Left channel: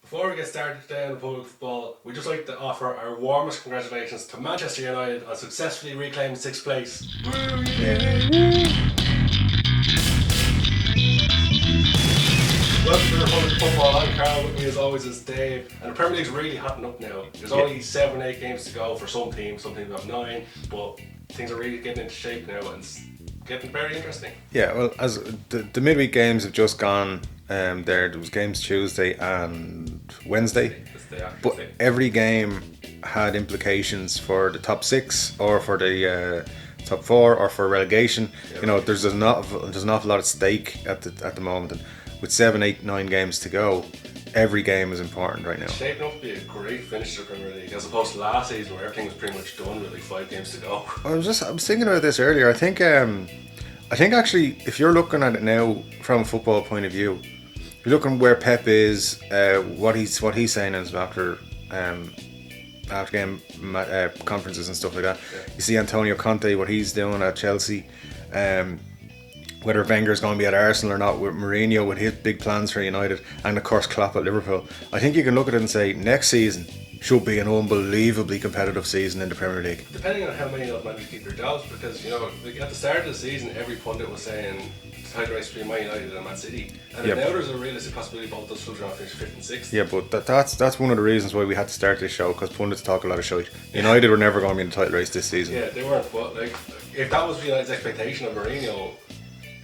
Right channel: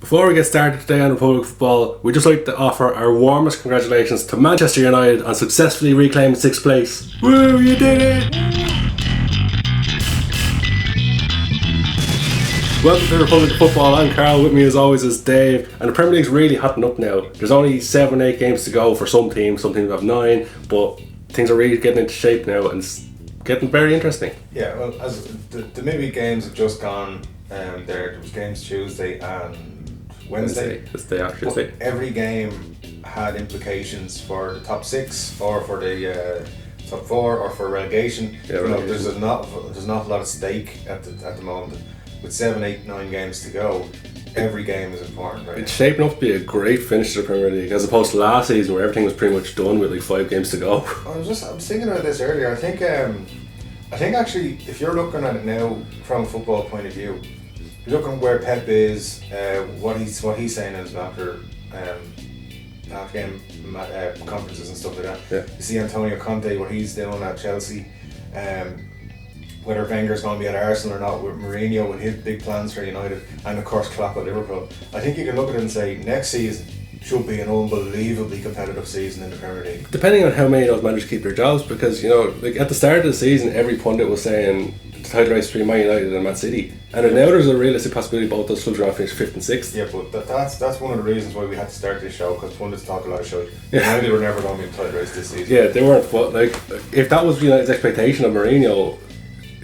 Before we get started today on Republic Football, we'd just like to offer our warmest congratulations to Manchester United on successfully reclaiming 6th place. Woo, you did it! Welcome to Republic Football. I'm Carl. With me as always is Dave. And the Premier League's really hotting up now. There's only 7-8 games to go for some teams have 9, but things are really getting into shape now and it's getting very interesting. Yeah, well, as the midweek games have just gone, there was games Tuesday and Wednesday. But every game had implications for the top 6 or for the top 4 or for relegation. There's an awful lot at stake at the moment. With 7, 8, 9 games to go, every game is important right now. It's shaping up to be a great finish to the Premier League as opposed to last season where everything was pretty much done with like 5 games to go. I was thinking about this earlier. I think actually, if you're looking at it now from a football point of view, if you're looking where Pep is, what he's saying is after game conferences and stuff like that. Yeah. You see Antonio Conte, what he's doing at Chelsea. Whether Wenger's going to be at Arsenal or not, with Mourinho with his big plans for United, and of course Klopp at Liverpool, I think you can look at it and say next season should be an unbelievably competitive season in the Premier League. Depending on how many of those managers keep their jobs, because like at the start of the season, every pundit was saying the title race between Man United and Man City, and now there's a realistic possibility both those clubs are going to finish 5th and 6th. Yeah, but that's one of the reasons why we had to start this show, because pundits talk a lot of shit. United were never going to be in the title race this season. Yeah, they weren't. But like, if that was United's expectation of Mourinho,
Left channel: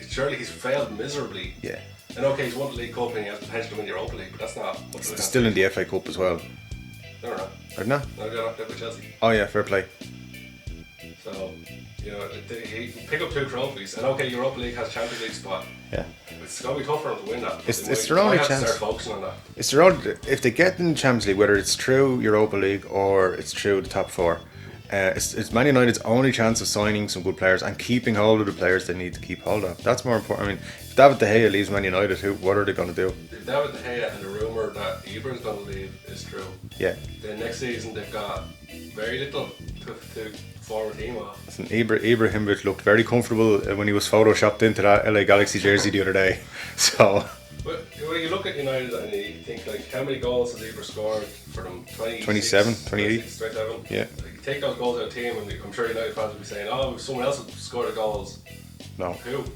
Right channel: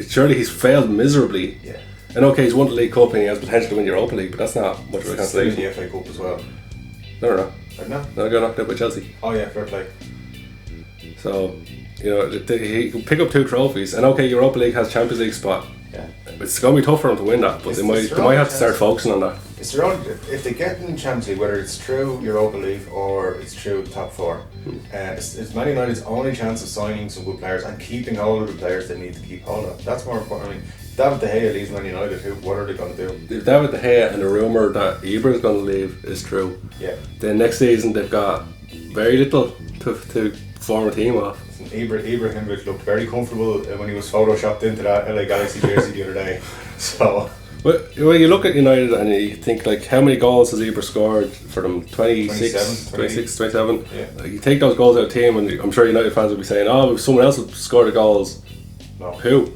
surely he's failed miserably. Yeah. And okay, he's won the League Cup and he has potential to win the Europa League, but that's not what they're still in the FA Cup as well. No. No, they got knocked out by Chelsea. Oh yeah, fair play. So, he can pick up 2 trophies, and okay, Europa League has Champions League spot. Yeah. It's going to be tough for them to win that, but they might have to start focusing on that. It's their own, if they get in the Champions League, whether it's through Europa League or it's through the top 4, it's Man United's only chance of signing some good players and keeping hold of the players they need to keep hold of. That's more important. I mean, if David De Gea leaves Man United, what are they going to do? If David De Gea and the rumour that Ibra is going to leave is true, then next season they've got very little to form a team off. Ibrahimovic looked very comfortable when he was photoshopped into that LA Galaxy jersey the other day. So, but when you look at United and you think like how many goals has Ibra scored for them? 26, 27. Yeah. Like, you take those goals out of the team and I'm sure United fans will be saying, if someone else would score the goals. No. Who?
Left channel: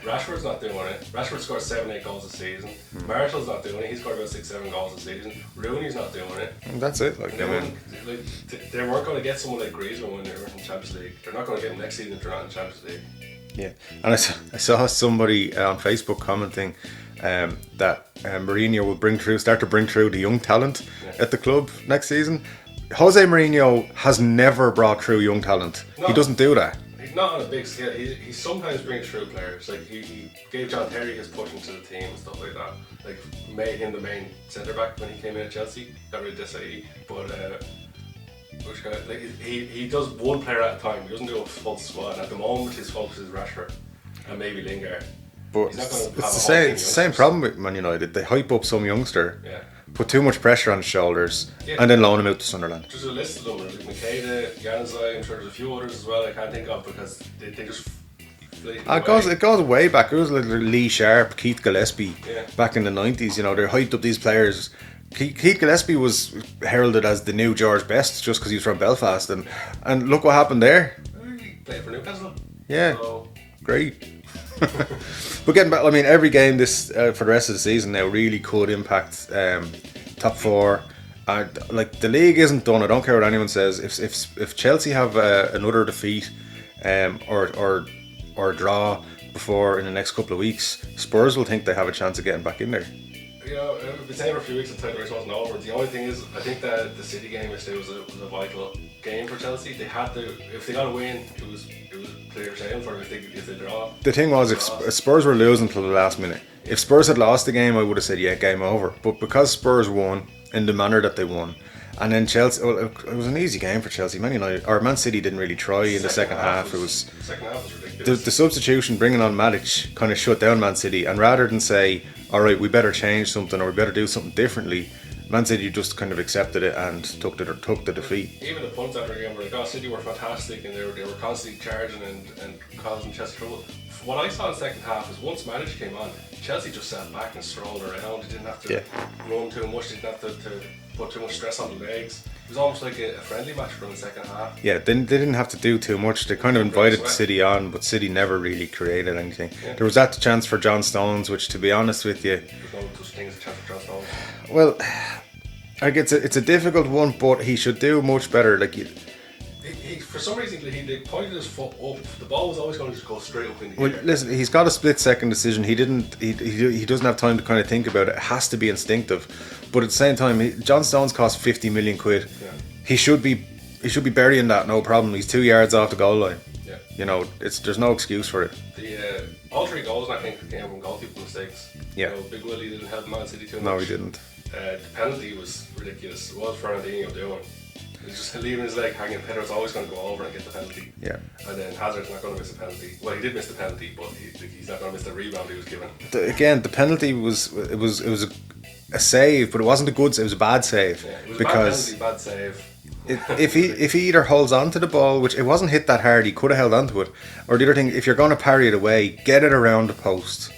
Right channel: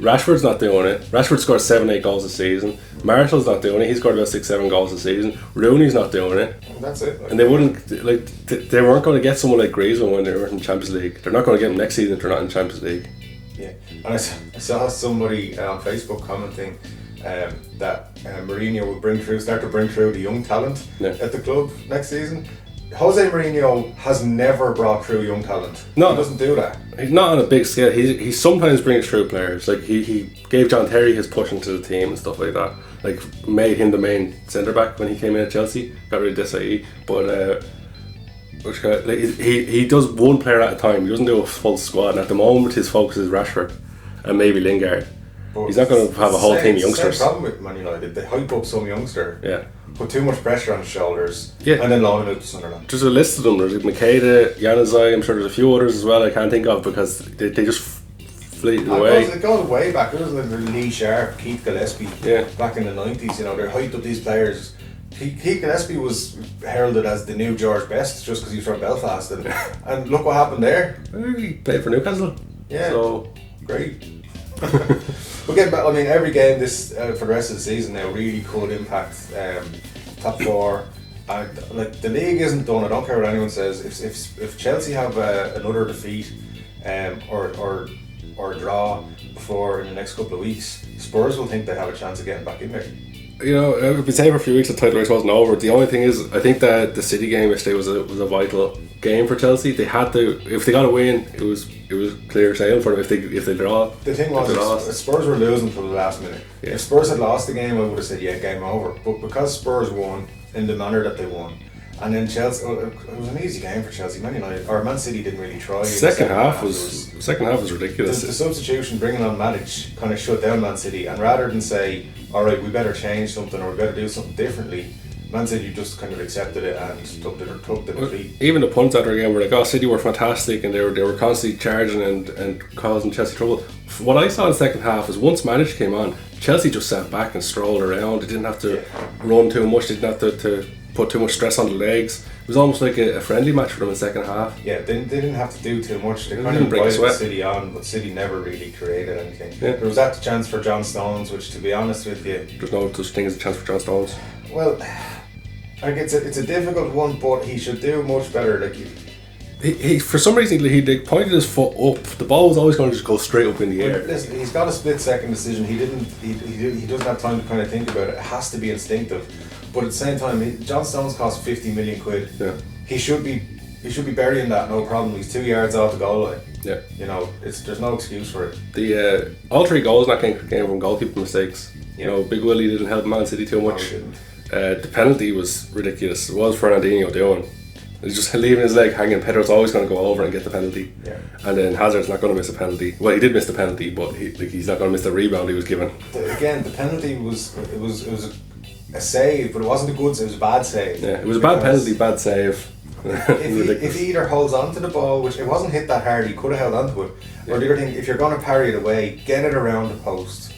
Rashford's not doing it. Rashford scored 7-8 goals this season. Marshall's not doing it. He scored about 6-7 goals this season. Rooney's not doing it. That's it. And they they weren't going to get someone like Griezmann when they were in Champions League. They're not going to get him next season if they're not in Champions League. Yeah, and I saw somebody on Facebook commenting that Mourinho will start to bring through the young talent at the club next season. Jose Mourinho has never brought through young talent. No, he doesn't do that. He's not on a big scale. He sometimes brings through players. Like he gave John Terry his push into the team and stuff like that. Like made him the main centre back when he came in at Chelsea. Got rid of Desai, but he does one player at a time. He doesn't do a full squad. And at the moment, his focus is Rashford and maybe Lingard. But he's not going to have a whole team of youngsters. Same problem with Man United. They hype up some youngster, put too much pressure on his shoulders, and then loan him out to Sunderland. There's a list of them. There's Makeda, Januzaj. I'm sure there's a few others as well I can't think of because they just fleet away. It goes way back. It was like Lee Sharp, Keith Gillespie, back in the 90s. They hyped up these players. Keith Gillespie was heralded as the new George Best just because he was from Belfast, and look what happened there. He played for Newcastle. Yeah, so great. But getting back, I mean, every game this for the rest of the season now really could impact top 4. Like the league isn't done. I don't care what anyone says. If Chelsea have another defeat or draw before in the next couple of weeks, Spurs will think they have a chance of getting back in there. I've been saying for a few weeks the title race wasn't over. The only thing is, I think that the City game yesterday was a vital game for Chelsea. They had to, if they got a win, it was clear sailing for them. If they draw, the thing was, Spurs were losing until the last minute. Yeah. If Spurs had lost the game, I would have said game over. But because Spurs won in the manner that they won, and then Chelsea, it was an easy game for Chelsea. Man City didn't really try. In the second half was ridiculous. The substitution, bringing on Matic, kind of shut down Man City, and rather than say, all right, we better change something or we better do something differently, Man City just kind of accepted it and took the defeat. Even the punts after the game were like, City were fantastic and they were constantly charging and causing Chelsea trouble. What I saw in the second half is once Matic came on, Chelsea just sat back and strolled around. They didn't have to run too much. They didn't have to put too much stress on the legs. It was almost like a friendly match for them in the second half. Yeah, they didn't have to do too much. They kind of invited City on, but City never really created anything. Yeah. There was that chance for John Stones, which, to be honest with you, there's no such thing as a chance for John Stones. Well, like it's a difficult one, but he should do much better. Like he for some reason he pointed his foot up. The ball was always going to just go straight up in the air. Listen, he's got a split-second decision. He doesn't have time to kind of think about it. It has to be instinctive. But at the same time, John Stones cost 50 million quid. Yeah. He should be burying that, no problem. He's 2 yards off the goal line. Yeah. You know, there's no excuse for it. The all 3 goals that came from goalkeeper mistakes. Yeah. You know, Big Willie didn't help Man City too much. No, he didn't. The penalty was ridiculous. What was Fernandinho doing? He's just leaving his leg hanging. Pedro's always going to go over and get the penalty. Yeah. And then Hazard's not going to miss a penalty. Well, he did miss the penalty, but he's not going to miss the rebound he was given. Again, the penalty was a save, but it wasn't a good save. It was a bad save. Yeah, it was a bad penalty, bad save. If he either holds onto the ball, which it wasn't hit that hard, he could have held onto it, or the other thing, if you're going to parry it away, get it around the post,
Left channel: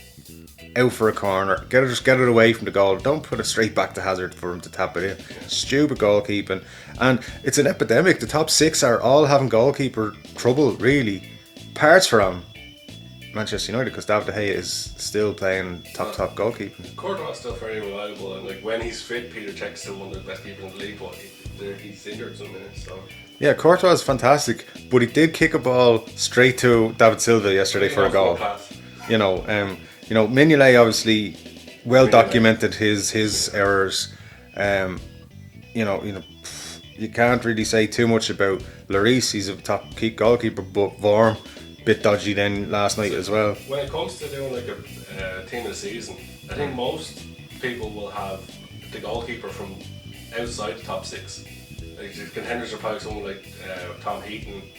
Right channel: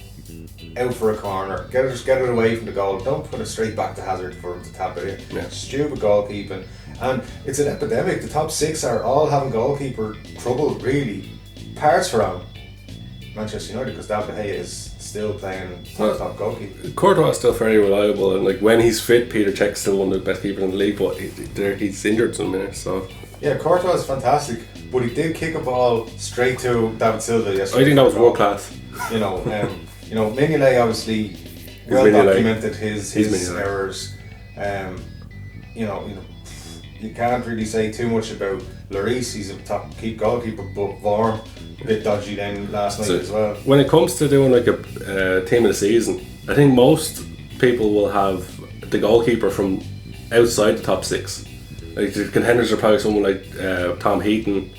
out for a corner, get it away from the goal. Don't put it straight back to Hazard for him to tap it in. Yeah. Stupid goalkeeping, and it's an epidemic. The top 6 are all having goalkeeper trouble, really. Parts from Manchester United, because David De Gea is still playing top goalkeeper. Courtois is still very reliable, and like when he's fit, Peter Cech's still one of the best keepers in the league, but he's injured some minutes. So yeah, Courtois is fantastic, but he did kick a ball straight to David Silva yesterday for a goal. Class. You know, Mignolet obviously well documented his errors. You know, you can't really say too much about Lloris. He's a top goalkeeper, but Vorm a bit dodgy then last night as well. When it comes to doing like a team of the season, I think most people will have the goalkeeper from outside the top 6. Like the contenders are probably someone like Tom Heaton,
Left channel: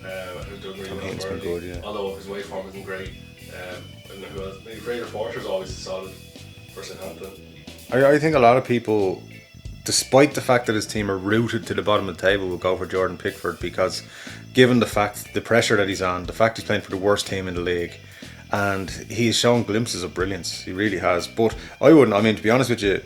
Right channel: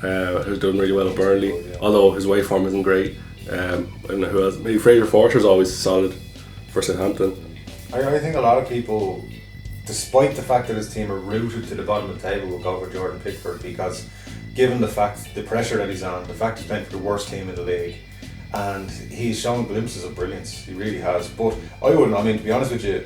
who's doing really well at Burnley, although his waveform isn't great. I don't know who else. Maybe Fraser Forster's always solid for Southampton. I think a lot of people, despite the fact that his team are rooted to the bottom of the table, will go for Jordan Pickford, because given the pressure that he's on, the fact he's playing for the worst team in the league, and he's shown glimpses of brilliance, he really has. But to be honest with you,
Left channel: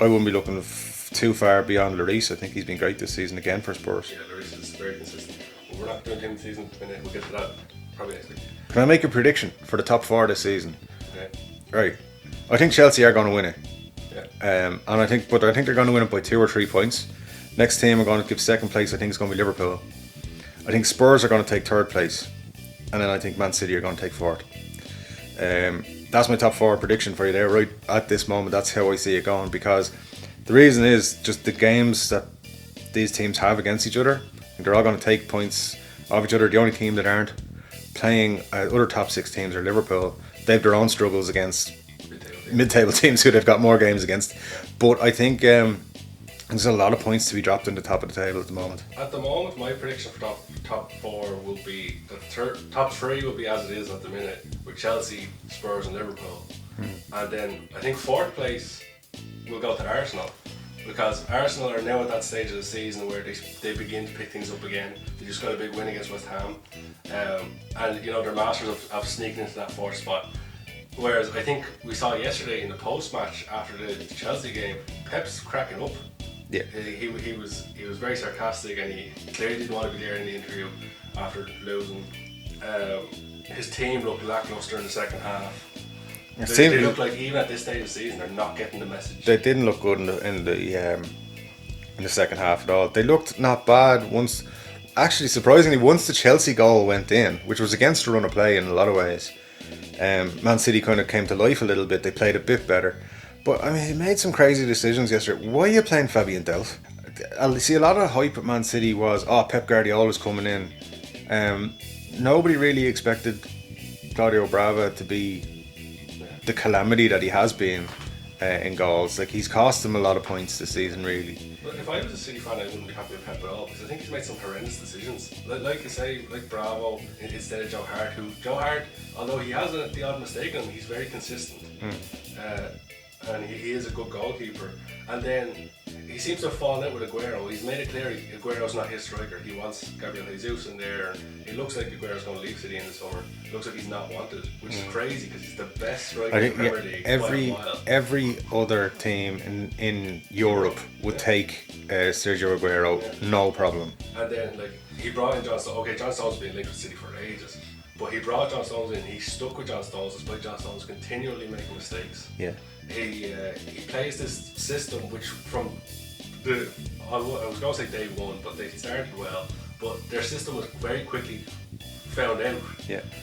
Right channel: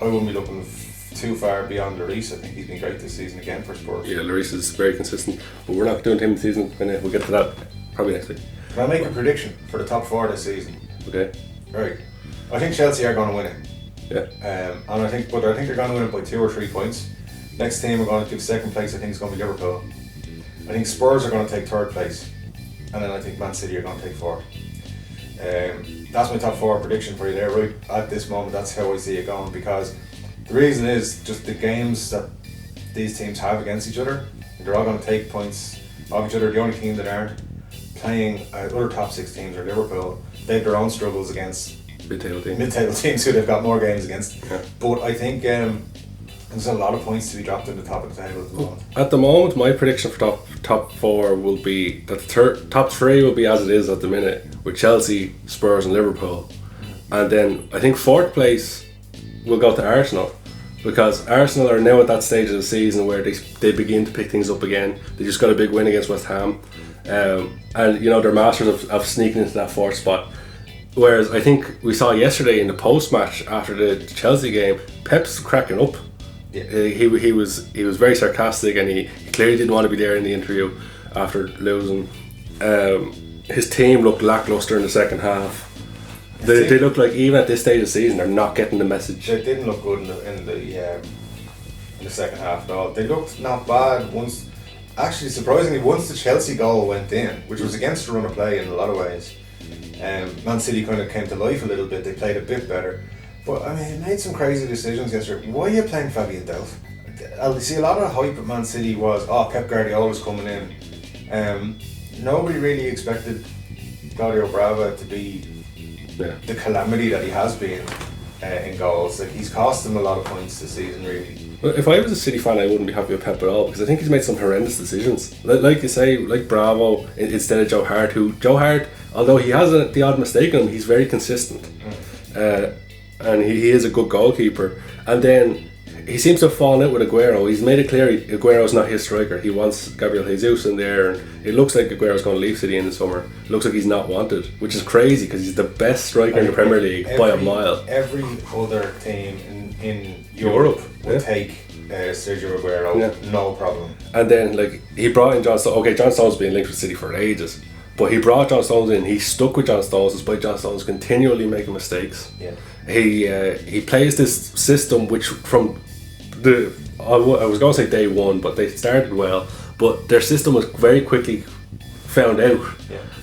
I wouldn't be looking too far beyond Lloris. I think he's been great this season again for Spurs. Yeah, Lloris is very consistent, but we're not doing team of the season. We'll get to that probably next week. Can I make a prediction for the top 4 this season? Okay. Right. I think Chelsea are going to win it. Yeah. And I think they're going to win it by 2 or 3 points. Next team we're going to give second place, I think it's going to be Liverpool. I think Spurs are going to take 3rd place, and then I think Man City are going to take 4th. That's my top 4 prediction for you there. Right at this moment, that's how I see it going, because the reason is just the games that these teams have against each other. They're all going to take points off each other. The only team that aren't playing other top 6 teams are Liverpool. They have their own struggles against mid-table teams who they've got more games against. Yeah. But I think there's a lot of points to be dropped in the top of the table at the moment. At the moment, my prediction for top 4 will be that the top 3 will be as it is at the minute, with Chelsea, Spurs and Liverpool. And then I think 4th place will go to Arsenal, because Arsenal are now at that stage of the season where they begin to pick things up again. They just got a big win against West Ham, and you know, they're masters of sneaking into that 4th spot. Whereas I think we saw yesterday in the post-match after the Chelsea game, Pep's cracking up. Yeah. He was very sarcastic, and he clearly didn't want to be there in the interview after losing. His team looked lackluster in the second half. They look like, even at this stage of the season, they're not getting the message. They didn't look good in the second half at all. They looked not bad once. Actually, surprisingly, once the Chelsea goal went in, which was against the run of play in a lot of ways, Man City kind of came to life a little bit. They played a bit better, but I mean, he made some crazy decisions yesterday. Why are you playing Fabian Delph? I see a lot of hype at Man City was, Pep Guardiola's coming in. Nobody really expected Claudio Brava to be the calamity that he has been in goals. Like, he's cost them a lot of points this season, really. Well, if I was a City fan, I wouldn't be happy with Pep at all, because I think he's made some horrendous decisions. Like you say, like Bravo instead of Joe Hart, Joe Hart, although he has the odd mistake on him, he's very consistent. And he is a good goalkeeper. And then he seems to have fallen out with Aguero. He's made it clear Aguero's not his striker. He wants Gabriel Jesus in there, and it looks like Aguero's going to leave City in the summer. It looks like he's not wanted, which is crazy because he's the best striker in the Premier League by a mile. Every other team in Europe would take Sergio Aguero, no problem. And then like he brought in John Stones. Okay, John Stones has been linked with City for ages, but he brought John Stones in. He stuck with John Stones despite John Stones continually making mistakes. Yeah. He plays this system which from I was going to say day one, but they started well. But their system was very quickly found out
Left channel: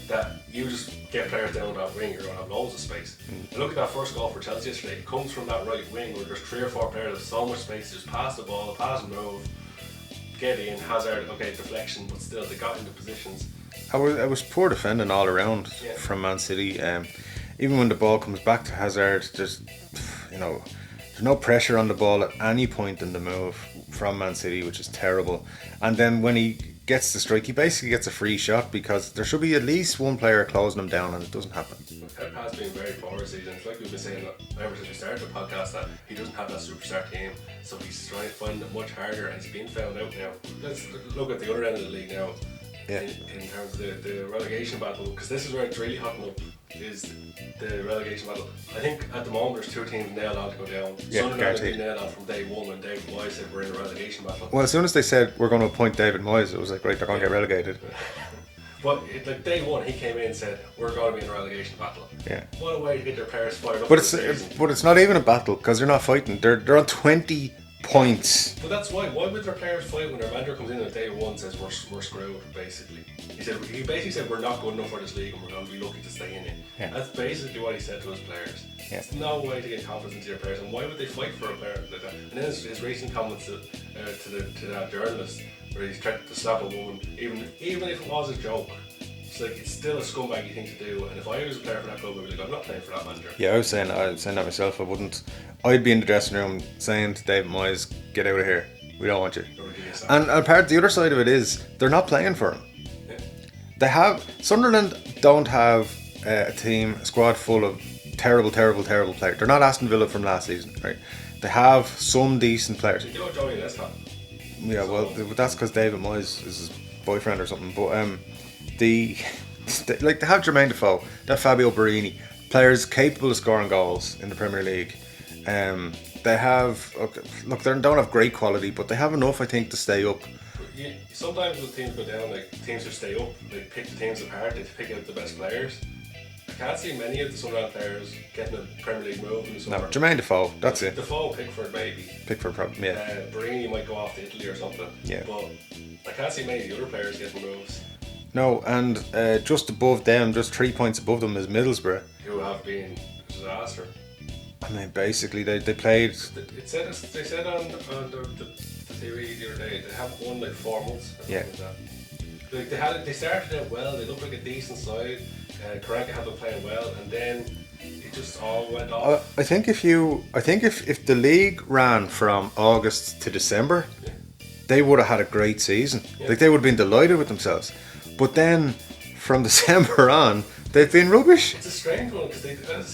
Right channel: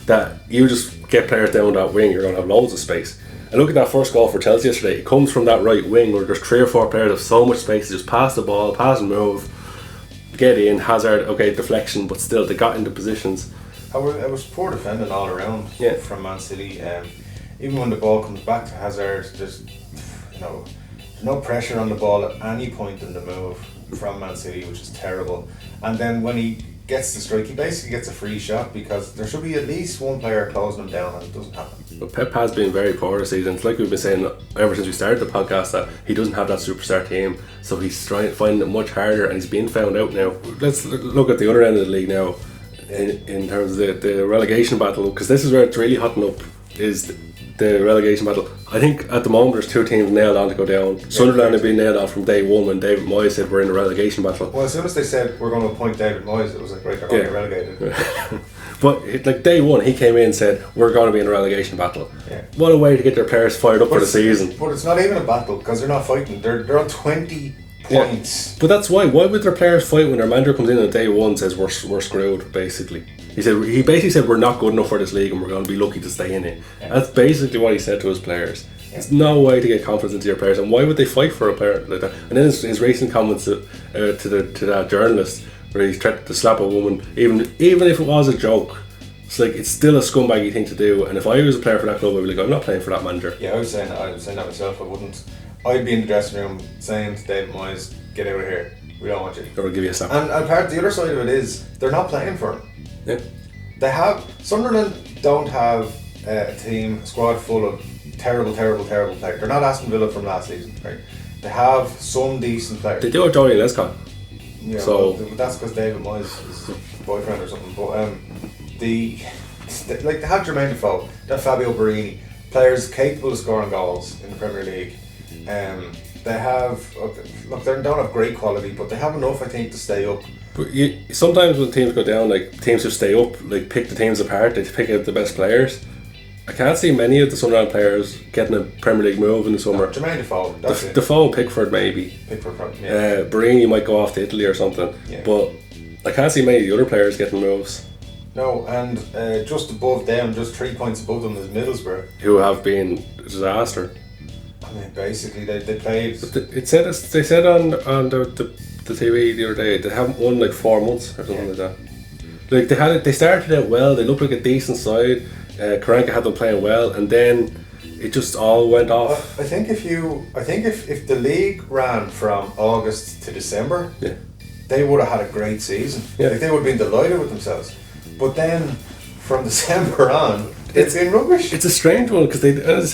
that you just get players down that wing, you're going to have loads of space. And look at that first goal for Chelsea yesterday. It comes from that right wing where there's 3 or 4 players have so much space to just pass the ball, pass and move, get in. Hazard, okay, deflection, but still they got into positions. I was poor defending all around from Man City. Even when the ball comes back to Hazard, there's no pressure on the ball at any point in the move from Man City, which is terrible. And then when he gets the strike, he basically gets a free shot because there should be at least one player closing him down, and it doesn't happen. Well, Pep has been very poor this season. It's like we've been saying ever since we started the podcast that he doesn't have that superstar team, so he's trying to find it much harder, and he's being found out now. Let's look at the other end of the league now, in terms of the relegation battle, because this is where it's really hotting up. Is the relegation battle. I think at the moment there's 2 teams nailed on to go down. Sunderland have been nailed on from day one when David Moyes said we're in the relegation battle. Well, as soon as they said we're going to appoint David Moyes, it was like, right, they're going to get relegated. But like day one, he came in and said we're going to be in a relegation battle. Yeah. What a way to get their players fired up for the season. But it's not even a battle because they're not fighting. They're on 20 points. But that's why would their players fight when their manager comes in on day one and says we're screwed, basically. He basically said we're not good enough for this league and we're going to be lucky to stay in it. That's basically what he said to his players. There's no way to get confidence into your players, and why would they fight for a player like that? And then his recent comments to that journalist where he threatened to slap a woman, even if it was a joke. It's like, it's still a scumbaggy thing to do, and if I was a player for that club, I'd be like, I'm not playing for that manager. Yeah, I was saying that myself. I'd be in the dressing room saying to David Moyes, get out of here, we don't want you. Or we'll give you a sample. And part the other side of it is, they're not playing for him. Yeah. Sunderland don't have a squad full of terrible players. They're not Aston Villa from last season, right? They have some decent players. They do have Johnny Lescott. Yeah, so, well, that's because David Moyes is his boyfriend or something. But they have Jermaine Defoe, they have Fabio Borini, players capable of scoring goals in the Premier League. They have they don't have great quality, but they have enough, I think, to stay up. But sometimes when teams go down, like teams who stay up, like pick the teams apart, they pick out the best players. I can't see many of the Sunderland players getting a Premier League move in the summer. No, Jermaine Defoe, that's it. Defoe, Pickford maybe. Pickford probably, yeah. Borini might go off to Italy or something. Yeah. But I can't see many of the other players getting moves. No, and just above them, just 3 points above them is Middlesbrough, who have been a disaster. I mean, basically they played. They said on the TV the other day they haven't won like 4 months or something like that. Like they started out well. They looked like a decent side. Karanka had them playing well, and then it just all went off. I think if the league ran from August to December, they would have had a great season. Yeah. Like they would have been delighted with themselves. But then from December on, they've been rubbish. It's a strange one because they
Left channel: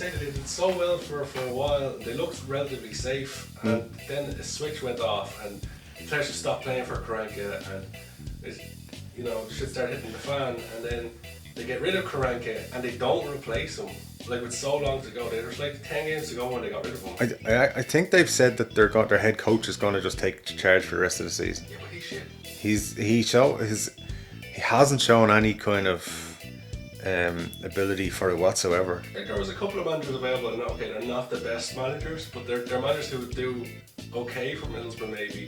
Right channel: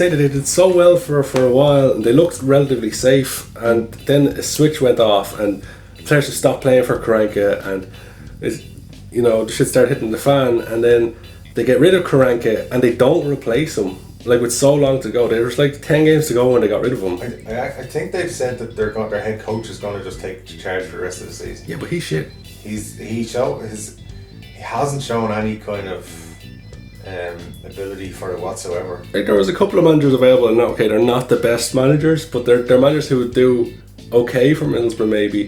did so well for a while and they looked relatively safe, and then a switch went off and players just stopped playing for Karanka, and the shit started hitting the fan, and then they get rid of Karanka and they don't replace him. Like with so long to go, there was like 10 games to go when they got rid of him. I think they've said that their head coach is going to just take charge for the rest of the season. Yeah, but he's shit. He hasn't shown any kind of ability for it whatsoever. Like there was a couple of managers available, and okay, they're not the best managers, but they're managers who would do okay for Middlesbrough. Maybe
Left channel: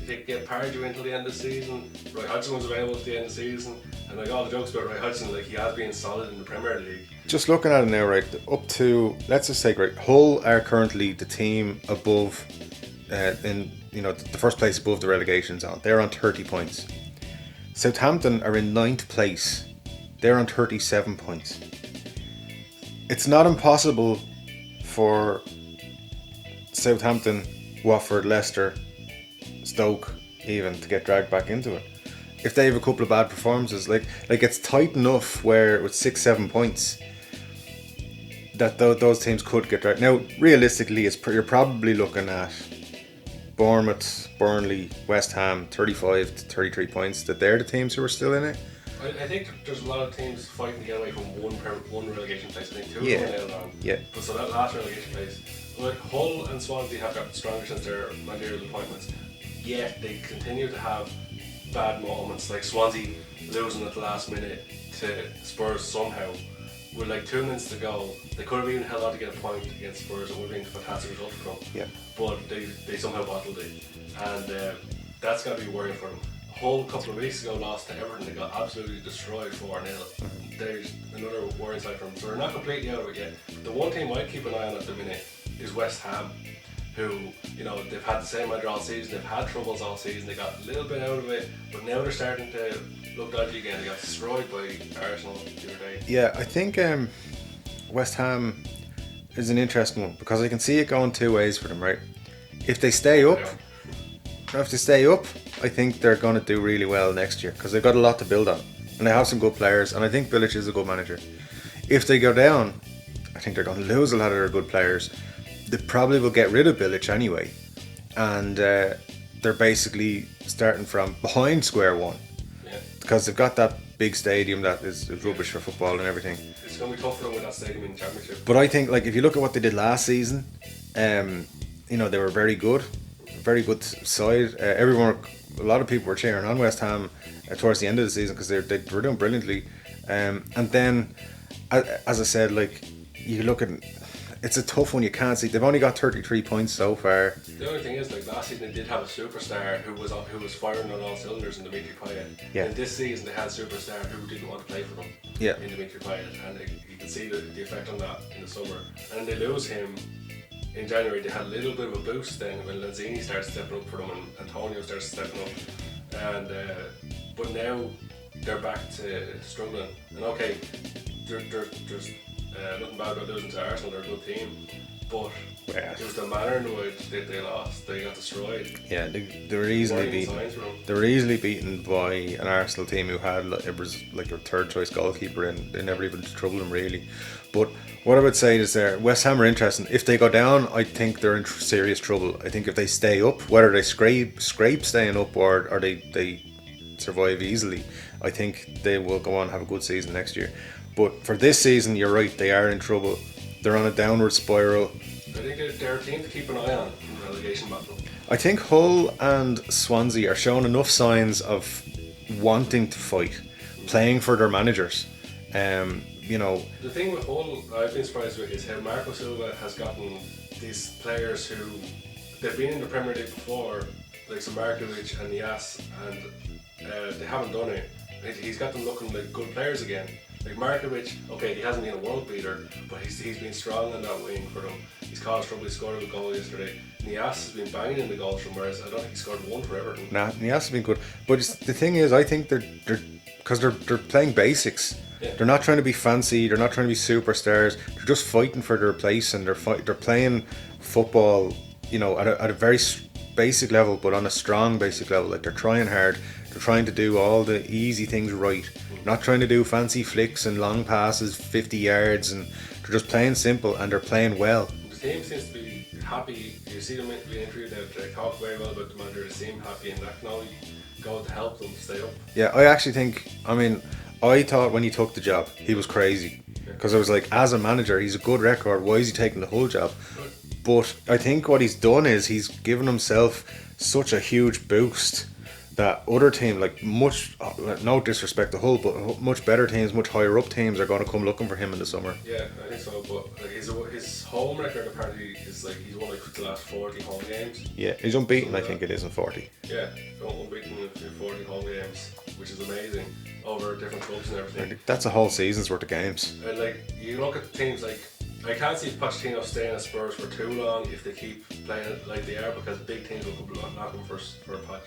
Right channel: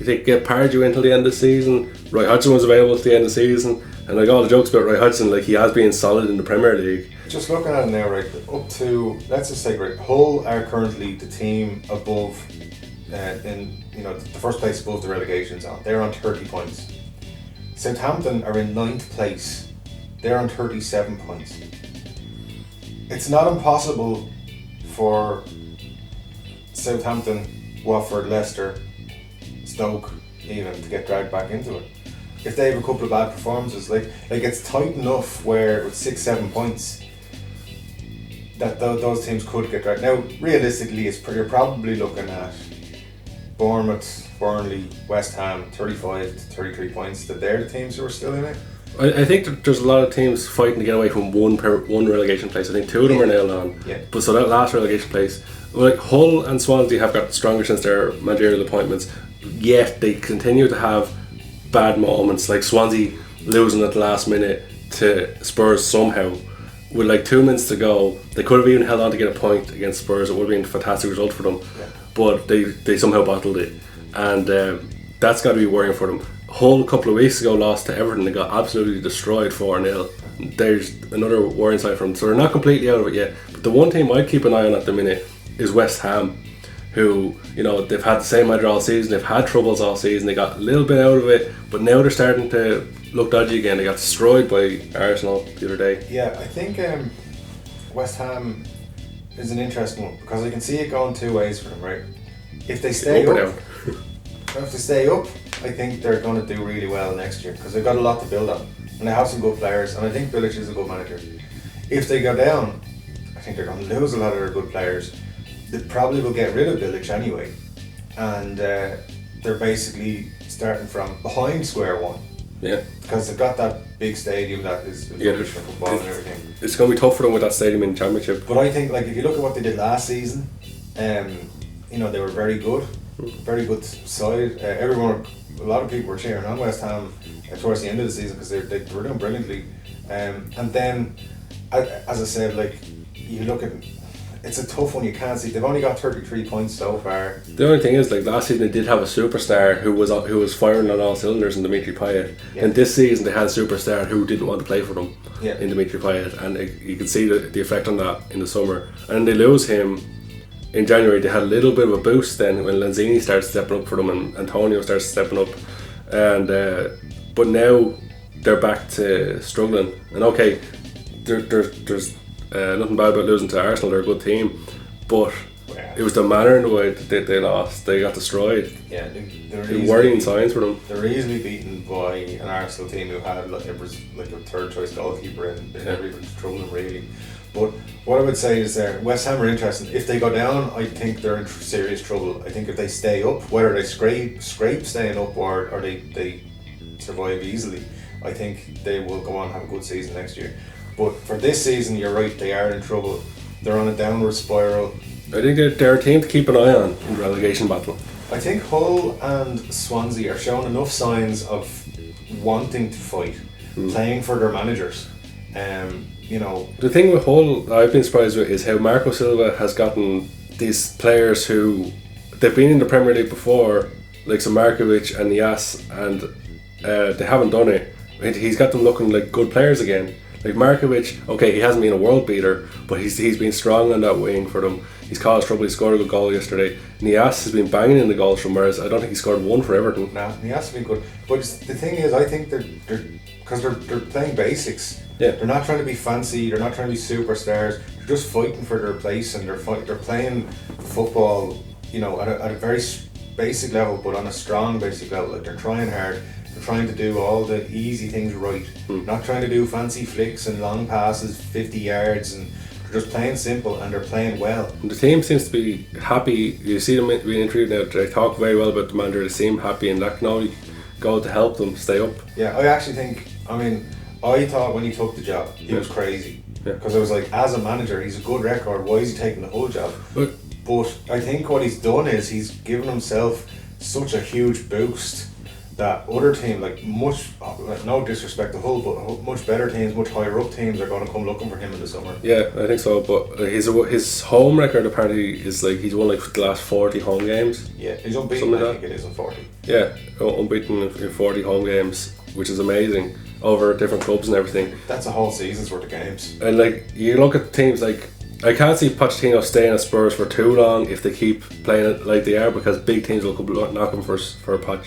they get Pardew until the end of the season. Roy Hodgson was available at the end of the season, and like all the jokes about Roy Hodgson, like he has been solid in the Premier League. Just looking at it now, right, up to, let's just say, right, Hull are currently the team above, the first place above the relegation zone. They're on 30 points. Southampton are in 9th place. They're on 37 points. It's not impossible for Southampton, Watford, Leicester, Stoke even to get dragged back into it. If they have a couple of bad performances, like it's tight enough where with 6-7 points that those teams could get dragged. Now, realistically, you're probably looking at Bournemouth, Burnley, West Ham, 35 to 33 points, that they're the teams who are still in it. I think that there's a lot of teams fighting to get away from one relegation place. I think 2 of them are nailed on. Yeah. But so that last relegation place, like Hull and Swansea have got stronger since their managerial appointments, yet they continue to have bad moments, like Swansea losing at the last minute to Spurs somehow. With like 2 minutes to go, they could have even held on to get a point against Spurs. It would have been a fantastic result for them. Yeah. But they somehow bottled it. And that's got to be worrying for them. Hull a couple of weeks ago lost to Everton. They got absolutely destroyed 4-0. There's another worrying sign for them. So they're not completely out of it yet. But the one team I'd keep an eye on at the minute is West Ham, who, you know, they've had the same manager all season. They've had troubles all season. They got a little bit out of it, but now they're starting to look dodgy again. They got destroyed by Arsenal the other day. Yeah, I think West Ham is an interesting one because I can see it going 2 ways for them, right? If they stay up, I think they're going to do really well next year because they've got a lot to build on and they have some good players, and I think Bilic is a good manager. If they go down, I think they're going to lose a lot of their good players. They probably will get rid of Bilic anyway, and they're basically starting from behind square one. Yeah, because they've got that big stadium that is rubbish for football and everything. It's going to be tough for them with that stadium in the Championship. But I think, like, if you look at what they did last season, you know, they were very good side. A lot of people were cheering on West Ham towards the end of the season because they were doing brilliantly. And then, as I said, like, you look at, it's a tough one. You can't see. They've only got 33 points so far. The only thing is, like, last season they did have a superstar who was firing on all cylinders in Dimitri Payet. Yeah. And this season they had a superstar who didn't want to play for them. Yeah. In Dimitri Payet, and you can see the effect on that in the summer. And they lose him in January. They had a little bit of a boost then when Lanzini started stepping up for them and Antonio started stepping up. And but now they're back to struggling. And okay, there's nothing bad about losing to Arsenal. They're a good team, but it was the manner in the way that they lost. They got destroyed. Yeah, they were worrying signs for them. They were easily beaten by an Arsenal team who had like a third choice goalkeeper, and they never even troubled them really. But what I would say is West Ham are interesting. If they go down, I think they're in serious trouble. I think if they stay up, whether they scrape staying up or they survive easily, I think they will go on and have a good season next year. But for this season, you're right, they are in trouble. They're on a downward spiral. I think they're a team to keep an eye on in the relegation battle. I think Hull and Swansea are showing enough signs of wanting to fight, playing for their managers. You know, the thing with Hull I've been surprised with is how Marco Silva has gotten these players who they've been in the Premier League before, like Markovic and Nias, and they haven't done it. He's got them looking like good players again. Like Markovic, okay, he hasn't been a world beater, but he's been strong on that wing for them. He's caused trouble. He scored a good goal yesterday. Nias has been banging in the goals from whereas I don't think he scored one for Everton. Nah, Nias has been good. But the thing is, I think they're because they're playing basics. Yeah. They're not trying to be fancy. They're not trying to be superstars. They're just fighting for their place, and they're playing football, you know, at a very basic level, but on a strong basic level. Like, they're trying hard. They're trying to do all the easy things right. Not trying to do fancy flicks and long passes, 50 yards, and they're just playing simple, and they're playing well. The team seems to be happy. You see them being interviewed now. They talk very well about the manager. They seem happy, and that can only go to help them stay up. Yeah, I actually think, I thought when he took the job, he was crazy. Because I was like, as a manager, he's a good record. Why is he taking the whole job? But I think what he's done is he's given himself such a huge boost that other teams, no disrespect to Hull, but much better teams, much higher up teams are going to come looking for him in the summer. Yeah, I think so. But his home record apparently is like he's won like the last 40 home games. Yeah, he's unbeaten. I think it is in 40. Yeah, unbeaten in 40 home games, which is amazing, over different clubs and everything. That's a whole season's worth of games. And like you look at teams like, I can't see Pochettino staying at Spurs for too long if they keep playing it like they are, because big teams will come knock him for a Poch.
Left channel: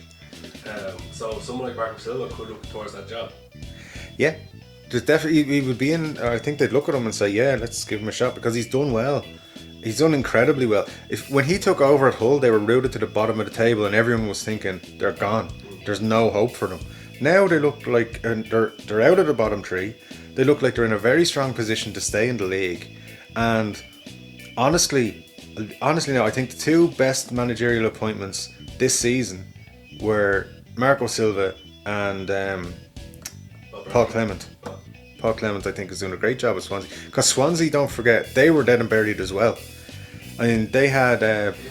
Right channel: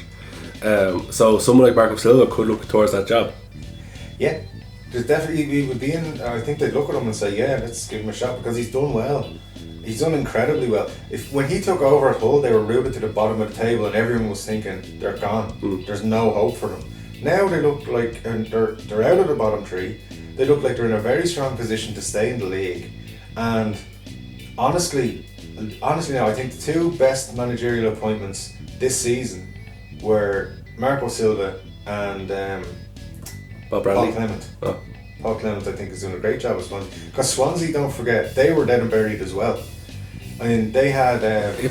So someone like Marco Silva could look towards that job. Yeah, there's definitely, he would be in. I think they'd look at him and say, yeah, let's give him a shot, because he's done well. He's done incredibly well. When he took over at Hull, they were rooted to the bottom of the table, and everyone was thinking they're gone. There's no hope for them. Now they look like, and they're out of the bottom three. They look like they're in a very strong position to stay in the league, and honestly, no. I think the two best managerial appointments this season were Marco Silva and Paul Clement. Oh. Paul Clement, I think, is doing a great job at Swansea. Because Swansea, don't forget, they were dead and buried as well. I mean, they had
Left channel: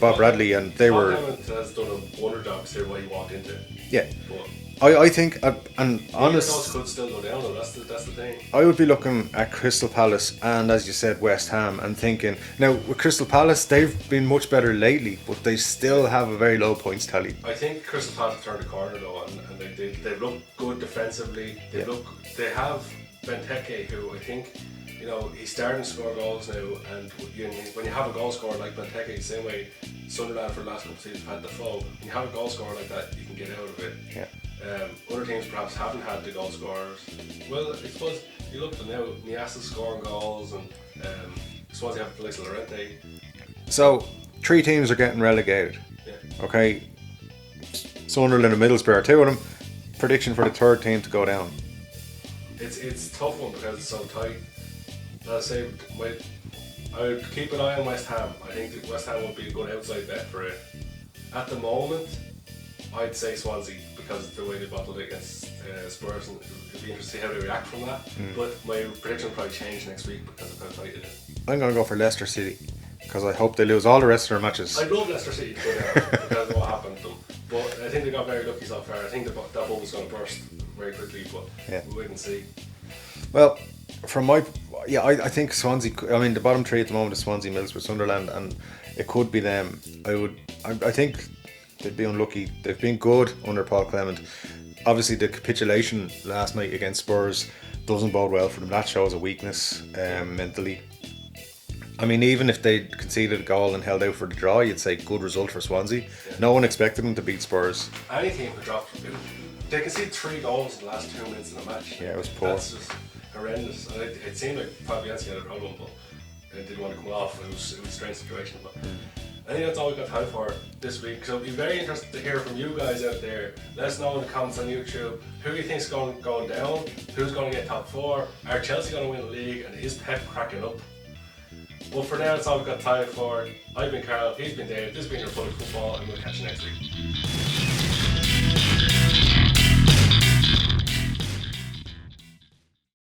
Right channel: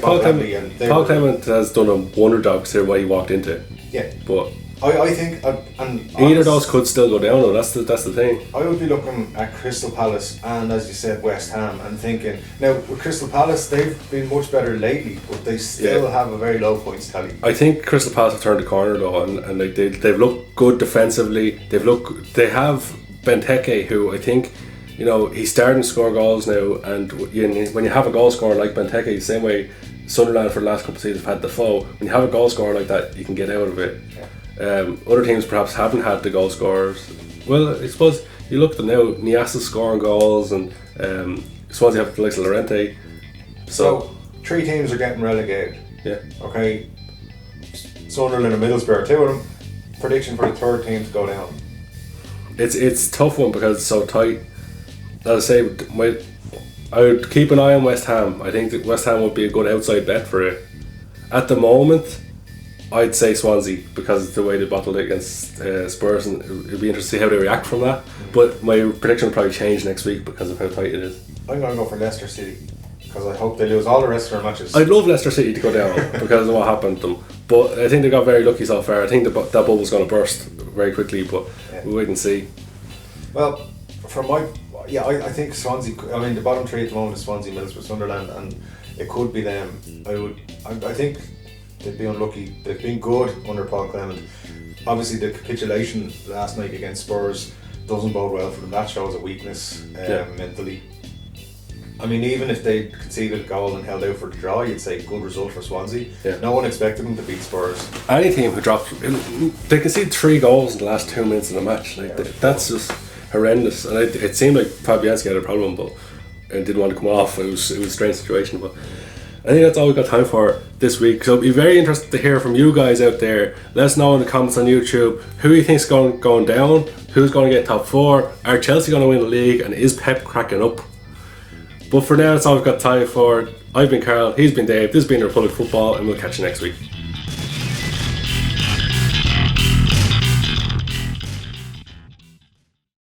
Bob Bradley, and Paul Clement has done a wonder job considering what he walked into. Yeah, but I think, and either of those could still go down though. That's the thing. I would be looking at Crystal Palace and, as you said, West Ham, and thinking, now with Crystal Palace, they've been much better lately, but they still have a very low points tally. I think Crystal Palace have turned the corner though, and like they've looked good defensively. They have Benteke, who I think, you know, he's starting to score goals now, and when you have a goal scorer like Benteke, the same way Sunderland for the last couple of seasons have had Defoe, when you have a goal scorer like that, you can get out of it. Yeah. Other teams perhaps haven't had the goal scorers. Well, I suppose you look at them now, Niasta's scoring goals, and Swansea have the likes of Llorente. So 3 teams are getting relegated. Yeah. Okay. Sunderland and Middlesbrough, 2 of them. Prediction for the 3rd team to go down. It's a tough one because it's so tight. As I say, I would keep an eye on West Ham. I think that West Ham would be a good outside bet for it. At the moment, I'd say Swansea because of the way they battled against Spurs, and it'd be interesting to see how they react from that. But my prediction will probably change next week because of how tight it is. I'm going to go for Leicester City because I hope they lose all the rest of their matches. I'd love Leicester City to go down because of what happened to them. But I think they got very lucky so far. I think that bubble's going to burst very quickly, but we'll wait and see. Well, I think Swansea, I mean, the bottom 3 at the moment is Swansea, Middlesbrough, Sunderland, and it could be them. I think they'd be unlucky. They've been good under Paul Clement. Obviously, the capitulation last night against Spurs doesn't bode well for them. That shows a weakness mentally. I mean, even if they conceded a goal and held out for the draw, you'd say good result for Swansea. Yeah. No one expected them to beat Spurs. Any team who drops, they concede 3 goals in the last 2 minutes of the match. That's just horrendous. And it seemed like Fabianski had a problem, but and didn't want to come off. It was a strange situation, but I think that's all we've got time for this week. So it'll be very interesting to hear from you guys out there. Let us know in the comments on YouTube who you think's going down, who's going to get top 4, are Chelsea going to win the league, and is Pep cracking up? But for now, that's all we've got time for. I've been Carl, he's been Dave, this has been Republic Football, and we'll catch you next week.